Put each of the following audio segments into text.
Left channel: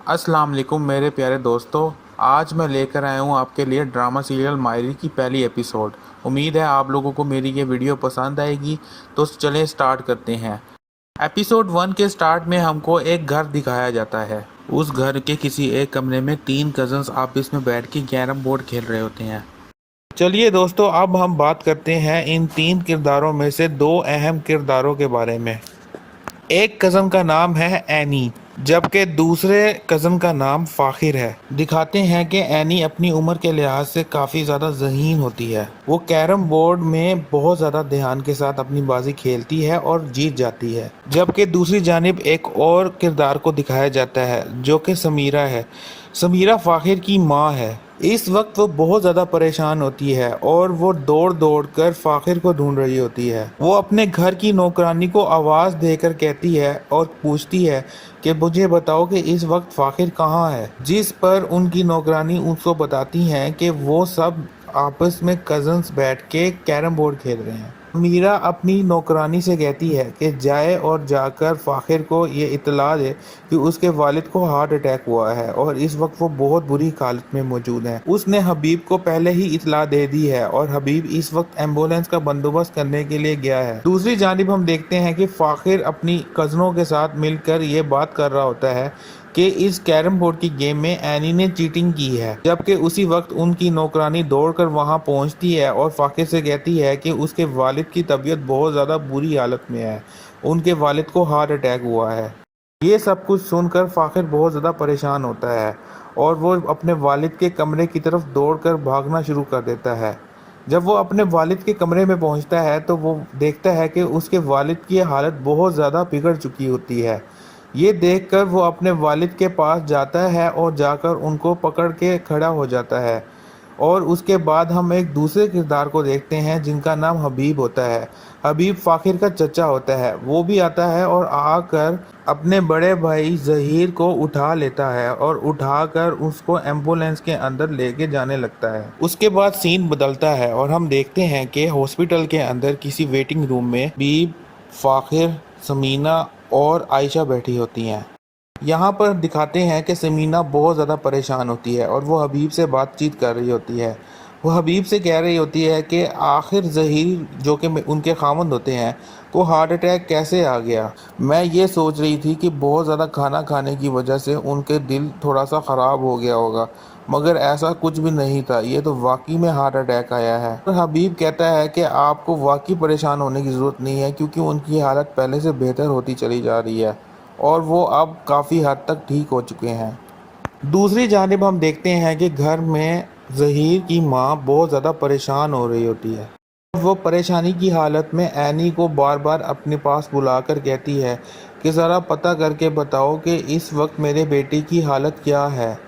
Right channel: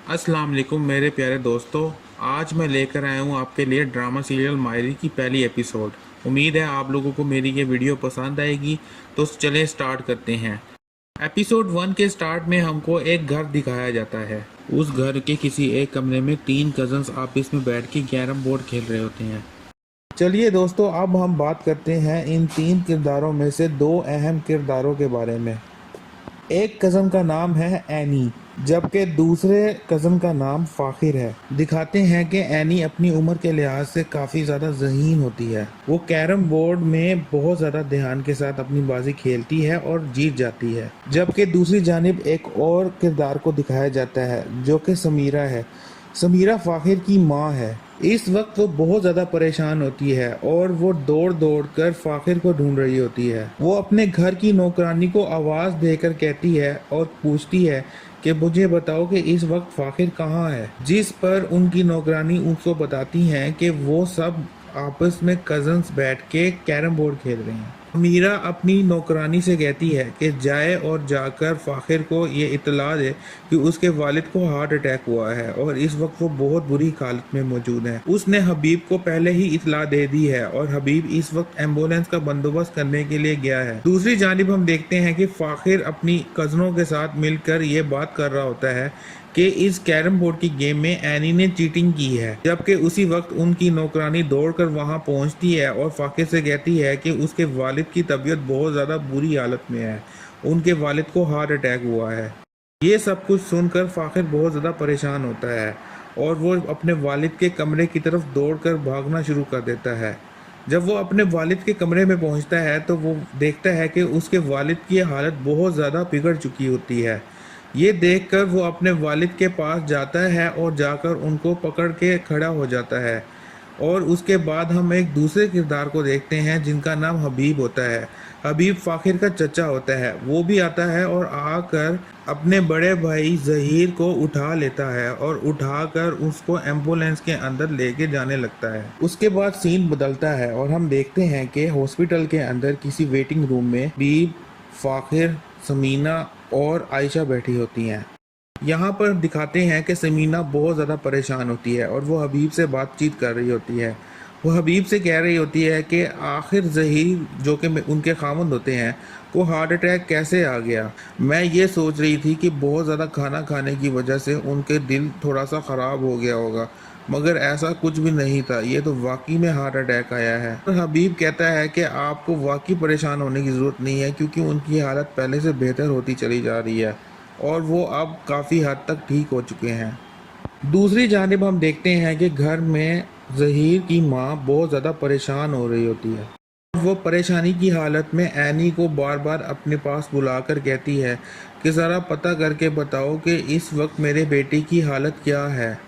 अस्सलाम वालेकुम मेरे प्यारे दोस्तों। आज मैं लेकर आया हूँ आपके लिए ड्रामा सीरियल मायरी की पहली एपिसोड। उम्मीद है आप लोगों को मेरी ये वीडियो पसंद आएगी, तो चलें स्टार्ट करते हैं। एपिसोड 1 के स्टार्ट में हमको एक घर दिखाया जाता है। उस घर के किसी एक कमरे में 3 कजन्स आपस में बैठ के कैरम बोर्ड खेल रहे होते हैं। चलिए दोस्तों, अब हम बात करते हैं इन 3 किरदारों में से 2 अहम किरदारों के बारे में। एक कज़न का नाम है एनी, जबकि दूसरे कज़न का नाम फ़ाखिर है। दिखाते हैं कि एनी अपनी उम्र के लिहाज से काफ़ी ज़्यादा ज़हीन होती है। वो कैरम बोर्ड में बहुत ज़्यादा ध्यान के साथ अपनी बाजी खेलती है और जीत जाती है। जबकि दूसरी जानिब एक और किरदार को दिखाया जाता है जो कि समीरा है। समीरा फ़ाखिर की माँ है। इस वक्त वो बहुत ज़्यादा परेशान होती है और वो दौड़ दौड़ कर फ़ाखिर को ढूंढ रही होती है। वो अपने घर की नौकरानी को आवाज़ देकर कहती है और पूछती है कि मुझे बताओ कि इस वक्त फ़ाखिर कहाँ है, जिस पर उनकी नौकरानी उसको बताती हैं कि वो सब आपस में कज़न्स बैठ के कैरम बोर्ड खेल रहे हैं। मीरा अपनी नौकरानी से कहती है कि जाए और जाकर फ़ाखिर को ये इत्तला दे कि उसके वालिद को हार्ट अटैक हुआ है और इस वक्त वो बहुत बुरी हालत में मौजूद है। उसने हबीब को पहले ही इत्तला दे दी है और हबीब इस वक्त एम्बुलेंस का बंदोबस्त करने के लिए गया है। दूसरी जानिब हम देखते हैं कि फ़ाखिर अपनी कज़नों के साथ मिलकर ये बात कर रहा होता है कि इस कैरम बोर्ड की गेम में एनी ने चीटिंग की है। जबकि उसी वक्त उनकी नौकरानी दौड़कर वहां पहुंचती है और फ़ाखिर से कहती है कि उसके वालिद की तबीयत बहुत ज़्यादा बुरी हालत में है, उनके वालिद को हार्ट अटैक हुआ है। ये सब कुछ सुनकर फ़ाखिर बहुत ज़्यादा परेशान होता है और वो अपने वालिद के कमरे की तरफ दौड़कर भागना शुरू कर देता है। जब वो अपने वालिद के कमरे में पहुंचता है तो वो देखता है कि उसके वालिद की हालत बहुत ज़्यादा बिगड़ चुकी होती है। ये देखकर वो अपने वालिद के पास जाता है और जाकर उनको पकड़ के खड़ा हो जाता है। और उसके बाद हम एक दूसरे किरदार को देखते हैं जिनका नाम हबीब होता है। हबीब फ़ाखिर का चचा होता है। वो भी आता है और आकर अपने बड़े भाई ज़हीर को उठा लेता है और उठाकर उसको एम्बुलेंस के अंदर लेके जाने लगता है। उसके बाद सीन बदलता है और हम देखते हैं कि हॉस्पिटल के अंदर किसी वेटिंग रूम में हबीब, फ़ाखिर, समीना और आयशा बैठी होती हैं। यहाँ पर दिखाते हैं कि समीना बहुत ज़्यादा परेशान होती है और वो हबीब से बातचीत कर रही होती है। वो हबीब से कह रही होती है कि आखिर ज़हीर जो कि उनके खामंद होते हैं को हार्ट अटैक कैसे आ गया। मैं ये सोच रही थी कि बहुत ज़्यादा खाना खाने की वजह से उनके दिल थोड़ा सा ख़राब हो गया होगा, मगर ऐसा कुछ भी नहीं था, ये तो वाकई में हार्ट अटैक आया है। और हबीब कहता है कि आपको वाकई परेशान होने की ज़रूरत नहीं है क्योंकि उनकी हालत पहले से बेहतर होती चली जा रही है और वो अब काफ़ी हद तक ठीक हो चुके हैं। दूसरी जानिब हम देखते हैं कि घर में ज़हीर की माँ बहुत ज़्यादा परेशान हो रही होती है। वो परेशानी की हालत में एनी को बार बार अपने पास बुलाकर कहती है कि ज़रा पता करके बताओ कि इस वक्त मेरे बेटे की हालत क्या है।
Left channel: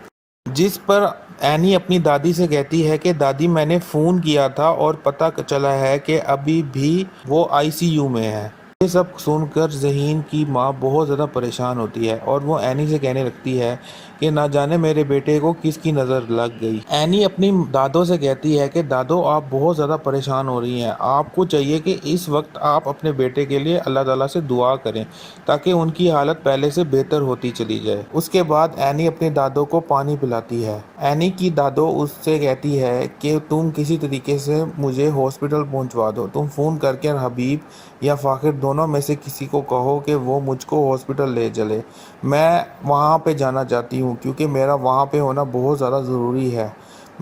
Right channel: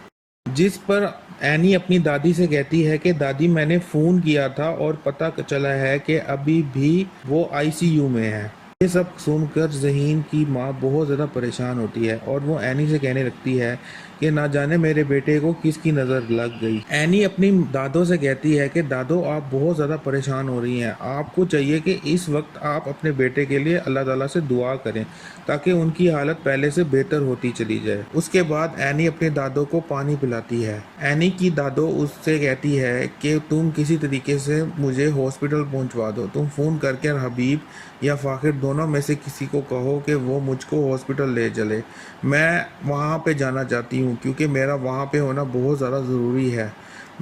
जिस पर एनी अपनी दादी से कहती है कि दादी, मैंने फ़ोन किया था और पता चला है कि अभी भी वो आईसीयू में है। ये सब सुनकर ज़हीन की माँ बहुत ज़्यादा परेशान होती है और वो एनी से कहने लगती है कि ना जाने मेरे बेटे को किसकी नज़र लग गई। एनी अपनी दादो से कहती है कि दादो, आप बहुत ज़्यादा परेशान हो रही हैं, आपको चाहिए कि इस वक्त आप अपने बेटे के लिए अल्लाह ताला से दुआ करें ताकि उनकी हालत पहले से बेहतर होती चली जाए। उसके बाद एनी अपने दादो को पानी पिलाती है। एनी की दादो उससे कहती है कि तुम किसी तरीके से मुझे हॉस्पिटल पहुंचवा दो, तुम फ़ोन करके हबीब या फ़ाखिर दोनों में से किसी को कहो कि वो मुझको हॉस्पिटल ले चले। मैं वहाँ पे जाना चाहती हूँ क्योंकि मेरा वहाँ पे होना बहुत ज़्यादा ज़रूरी है।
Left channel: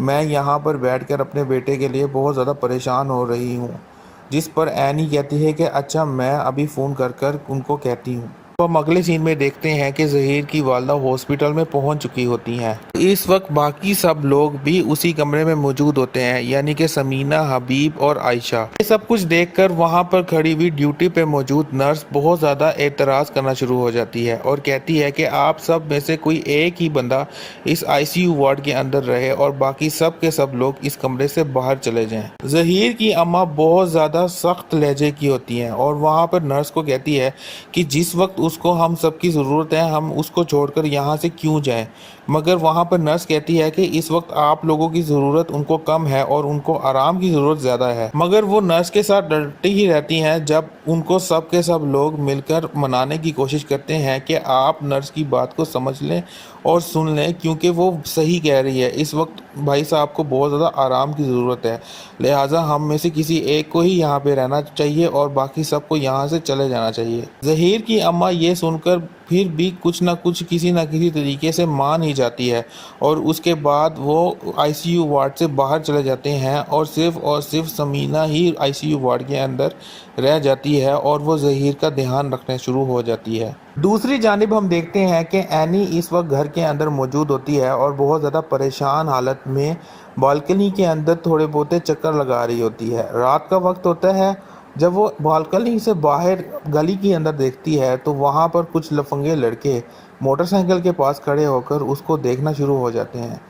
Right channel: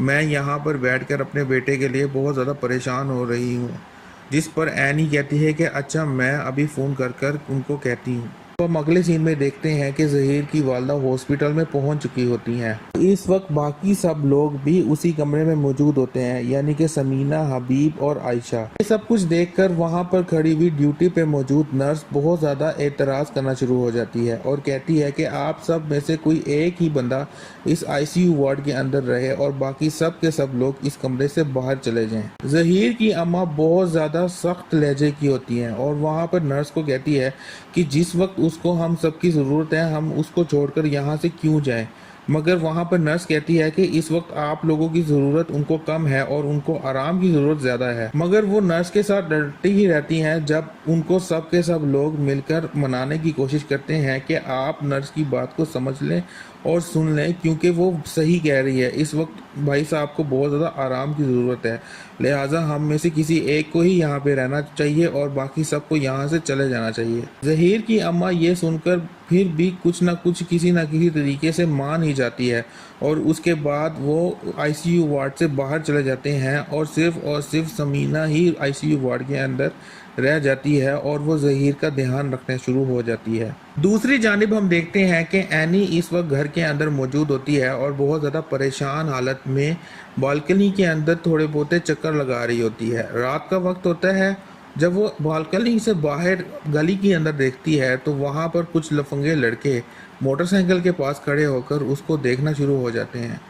मैं यहाँ पर बैठकर अपने बेटे के लिए बहुत ज़्यादा परेशान हो रही हूँ। जिस पर एनी कहती है कि अच्छा, मैं अभी फ़ोन कर कर उनको कहती हूँ। तो हम अगले सीन में देखते हैं कि ज़हीर की वालदा हॉस्पिटल में पहुंच चुकी होती हैं। इस वक्त बाकी सब लोग भी उसी कमरे में मौजूद होते हैं, यानी कि समीना, हबीब और आयशा। ये सब कुछ देखकर वहां पर खड़ी हुई ड्यूटी पे मौजूद नर्स बहुत ज़्यादा एतराज़ करना शुरू हो जाती है और कहती है कि आप सब में से कोई एक ही बंदा इस आईसीयू वार्ड के अंदर रहे और बाकी सब के सब लोग इस कमरे से बाहर चले जाएं। ज़हीर की अम्मा बहुत ज़्यादा सख्त लहजे की होती हैं और वहाँ पर नर्स को कहती है कि जिस वक्त उसको हम सबकी ज़रूरत है, हम उसको छोड़कर यहाँ से क्यों जाएं। मगर वहाँ पर नर्स कहती है कि इस वक्त आप लोगों की ज़रूरत उनको कम है और उनको आराम की ज़रूरत ज़्यादा है। मगर वो नर्स के साथ डरती ही रहती हैं जब उनको सब के सब लोग मिलकर मनाने की कोशिश करते हैं कि आप नर्स की बात को समझ लें और सुन लें, क्योंकि वो सही कह रही है। इस वक्त भाई साहब को बहुत ज़्यादा आराम की ज़रूरत है, लिहाजा हम में से किसी एक को ही यहाँ पे रहना चाहिए और बाकी सबको यहाँ से चले जाना चाहिए। ज़हीर की अम्मा ये सुनकर फिर भी कुछ ना कुछ किसी न किसी तरीके से मान ही जाती है और उसके बाद वो आईसीयू वार्ड से बाहर चले जाते हैं और सिर्फ समीना ही आईसीयू वार्ड के अंदर रह जाती है और वो ज़हीर का ध्यान रखने शुरू हो जाती है। दूसरी जानिब हम देखते हैं कि एनी इस वक्त घर के अंदर मौजूद होती है और बहुत ज़्यादा परेशान हालत में बालकनी के अंदर थोड़े बहुते चक्कर लगा रही होती है। रात का वक्त होता है। जब वो बालकनी से बाहर गली के अंदर देखती है तो वहाँ पर कुछ लफंगे लड़के मोटरसाइकिल के पास खड़े होकर उसको देखना शुरू हो जाते हैं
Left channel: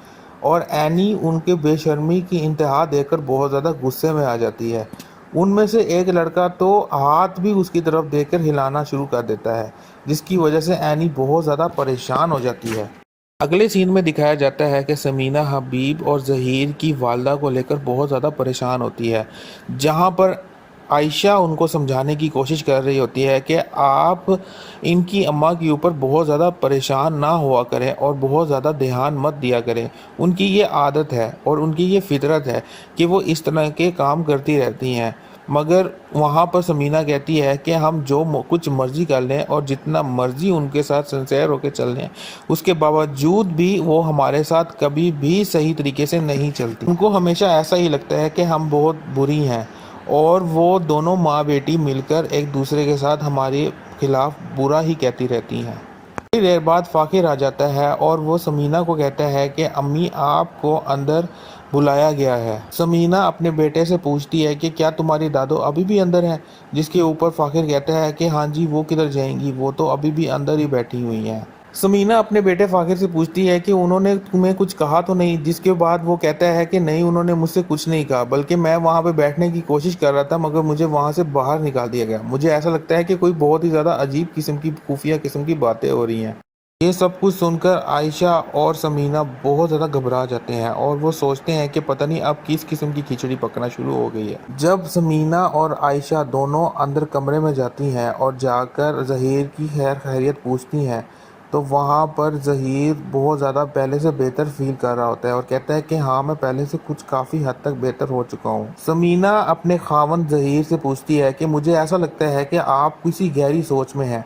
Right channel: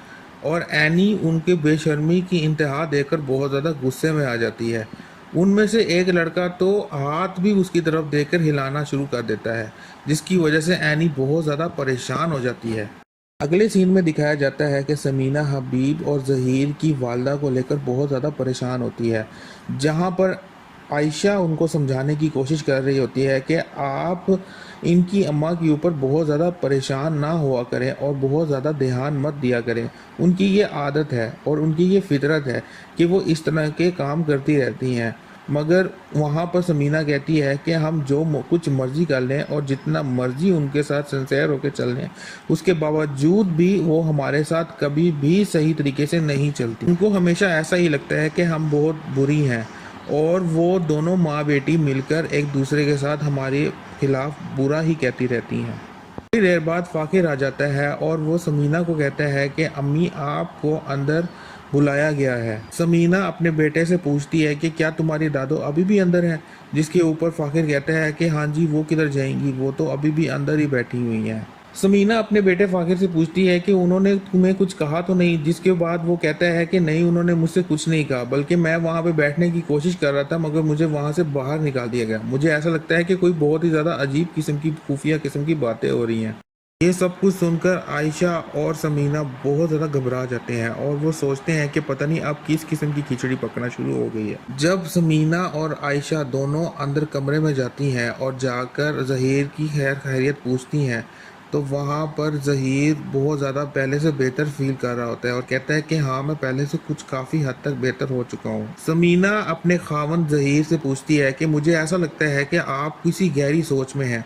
और एनी उनके बेशर्मी की इंतहा देखकर बहुत ज़्यादा गुस्से में आ जाती है। उनमें से एक लड़का तो हाथ भी उसकी तरफ देकर हिलाना शुरू कर देता है, जिसकी वजह से एनी बहुत ज़्यादा परेशान हो जाती है। अगले सीन में दिखाया जाता है कि समीना हबीब और ज़हीर की वालदा को लेकर बहुत ज़्यादा परेशान होती है, जहाँ पर आयशा उनको समझाने की कोशिश कर रही होती है कि आप इनकी अम्मा के ऊपर बहुत ज़्यादा परेशान ना हुआ करें और बहुत ज़्यादा ध्यान मत दिया करें। उनकी ये आदत है और उनकी ये फितरत है कि वो इस तरह के काम करती रहती हैं। मगर वहाँ पर समीना कहती है कि हम जो कुछ मर्ज़ी कर लें और जितना मर्ज़ी उनके साथ सिंसेयर होकर चल लें, उसके बावजूद भी वो हमारे साथ कभी भी सही तरीके से नहीं चलती। उनको हमेशा ऐसा ही लगता है कि हम बहुत बुरी हैं और वो दोनों माँ बेटी मिलकर एक दूसरे के साथ हमारे खिलाफ बुरा ही कहती रहती हैं। थोड़ी देर बाद फ़ाकिर आ जाता है और वो समीना को कहता है कि अम्मी आपको अंदर बुलाया गया है। समीना अपने बेटे से पूछती है कि क्या तुम्हारी दादो अभी भी अंदर हैं, जिसके ऊपर फ़ाकिर कहता है कि हाँ जी, वो किधर जाएंगी, वो तो अभी भी अंदर ही बैठी हुई हैं। समीना अपने बेटे फ़ाकिर से पूछती है कि उन्होंने तुम्हें कुछ कहा तो नहीं, जिसके बाद वो कहता है कि नहीं, उन्होंने मुझसे कुछ नहीं कहा, बल्कि मैं वहाँ पे बैठने की कोशिश कर रहा था मगर मुझे वहाँ से बाहर निकाल दिया गया। मुझे ऐसा लगता है कि कोई बहुत ही ज़्यादा अजीब किस्म की खुफिया किस्म की बातें हो रही हैं। ये सब कुछ सुनकर आयशा और समीना बहुत ज़्यादा घबरा जाते हैं और वो सोचते हैं कि पता नहीं अब किस किस्म की खिचड़ी पकना शुरू हो गई है। जब समीना और आयशा दोनों अंदर कमरे में जाती हैं और जाकर ज़हीर की खैर खैरियत पूछती हैं तो वहाँ पर ज़हीर बहुत ज़्यादा पहले से बेहतर फील कर रहा होता है और कहता है कि हाँ, मैं पहले से कुछ काफ़ी हद तक बेहतर हो चुका हूँ। समीना अपने खावंद ज़हीर से पूछती है कि मुझे ऐसा लगता है कि आप किसी गहरी सोच में हैं।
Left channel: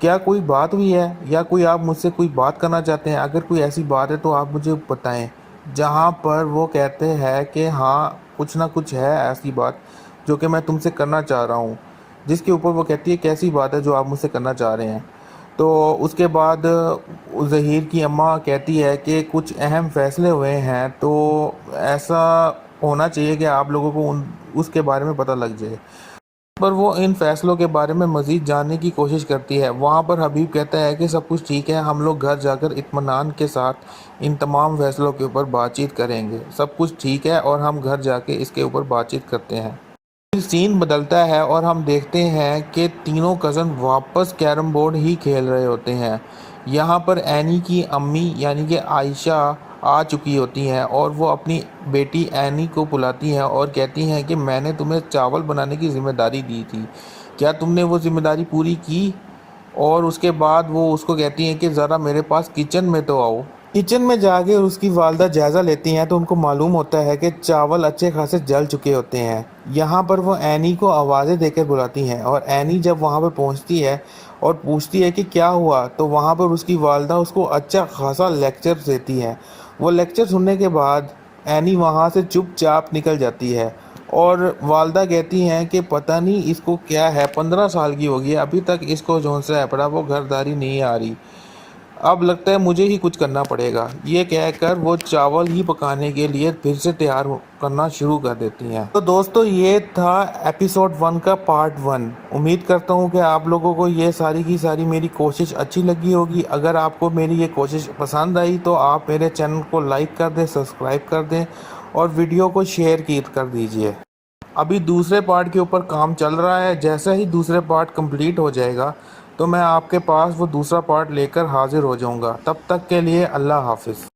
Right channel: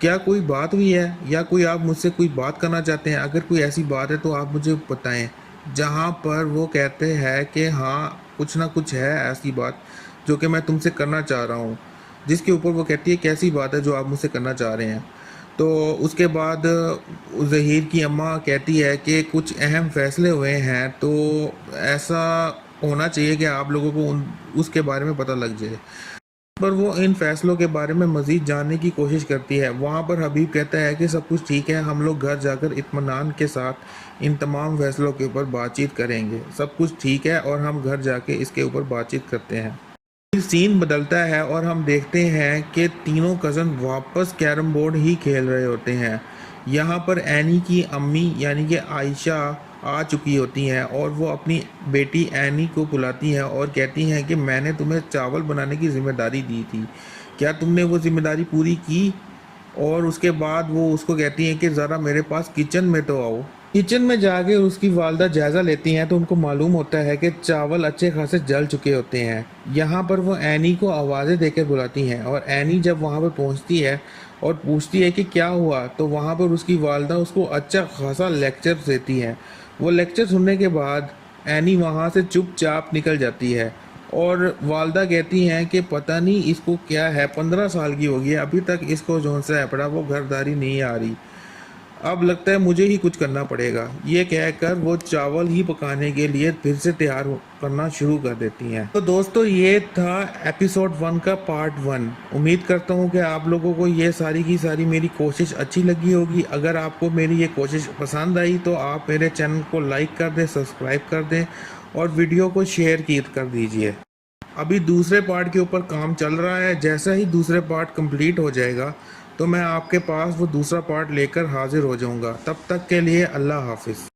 क्या कोई बात हुई है या कोई आप मुझसे कोई बात करना चाहते हैं? अगर कोई ऐसी बात है तो आप मुझे बताएं। जहाँ पर वो कहते हैं कि हाँ, कुछ ना कुछ है ऐसी बात जो कि मैं तुमसे करना चाह रहा हूँ। जिसके ऊपर वो कहती है कैसी बात है जो आप मुझसे करना चाह रहे हैं। तो उसके बाद ज़हीर की अम्मा कहती है कि कुछ अहम फ़ैसले हुए हैं, तो ऐसा होना चाहिए कि आप लोगों को उसके बारे में पता लग जाए। पर वो इन फैसलों के बारे में मज़ीद जानने की कोशिश करती है। वहाँ पर हबीब कहता है कि सब कुछ ठीक है, हम लोग घर जाकर इत्मीनान के साथ इन तमाम फैसलों के ऊपर बातचीत करेंगे। सब कुछ ठीक है और हम घर जाके इसके ऊपर बातचीत करते हैं। फिर सीन बदलता है और हम देखते हैं कि तीनों कज़न वापस कैरम बोर्ड ही खेल रहे होते हैं। यहाँ पर एनी की अम्मी यानी कि आयशा आ चुकी होती हैं और वो अपनी बेटी एनी को बुलाती हैं और कहती हैं कि मैंने तुम्हें चावल बनाने की ज़िम्मेदारी दी थी, क्या तुमने वो ज़िम्मेदारी पूरी की? और उसके बाद वो उसको कहती हैं कि ज़रा मेरे पास किचन में तो आओ। किचन में जाके उसकी वालदा जायज़ा लेती हैं तो उनको मालूम होता है कि चावल अच्छे खासे जल चुके होते हैं। यहाँ पर वो एनी को आवाज़ें देकर बुलाती हैं और एनी जब वहाँ पर पहुँचती है और पूछती है कि क्या हुआ, तो वहाँ पर उसकी वालदा उसको अच्छा खासा लेक्चर देती है। वो लेक्चर सुनने के बाद एनी वहाँ से चुपचाप निकल जाती है और वालदा कहती हैं कि पता नहीं इसको क्या है, 15 साल की होगी, अभी तक इसको झोंसा है पड़ा, वो घरदारी नहीं आ रही, अब लगता है मुझे ही कुछ करना पड़ेगा। ये कहकर वो चावल ही पकाने के लिए फिर से तैयार करना शुरू कर देती हैं। तो दोस्तों, ये था एपिसोड 1 का पार्ट 1। उम्मीद करता हूँ कि आप लोगों को ये सारी की सारी मेरी कोशिश अच्छी लगी होगी। अगर आपको मेरी ये कोशिश पसंद आई तो आप मेरे चैनल को लाइक कर दें, सब्सक्राइब कर दें और वीडियो को शेयर कर दीजिए। अभी दूसरे पार्ट के ऊपर काम चल रहा है, जैसा ही दूसरे पार्ट कंप्लीट हो जाएगा تو میں آپ کے پاس وہ دوسرا پارٹ لے کر حاضر ہو جاؤں گا. تب تک کے لیے اللہ حافظ.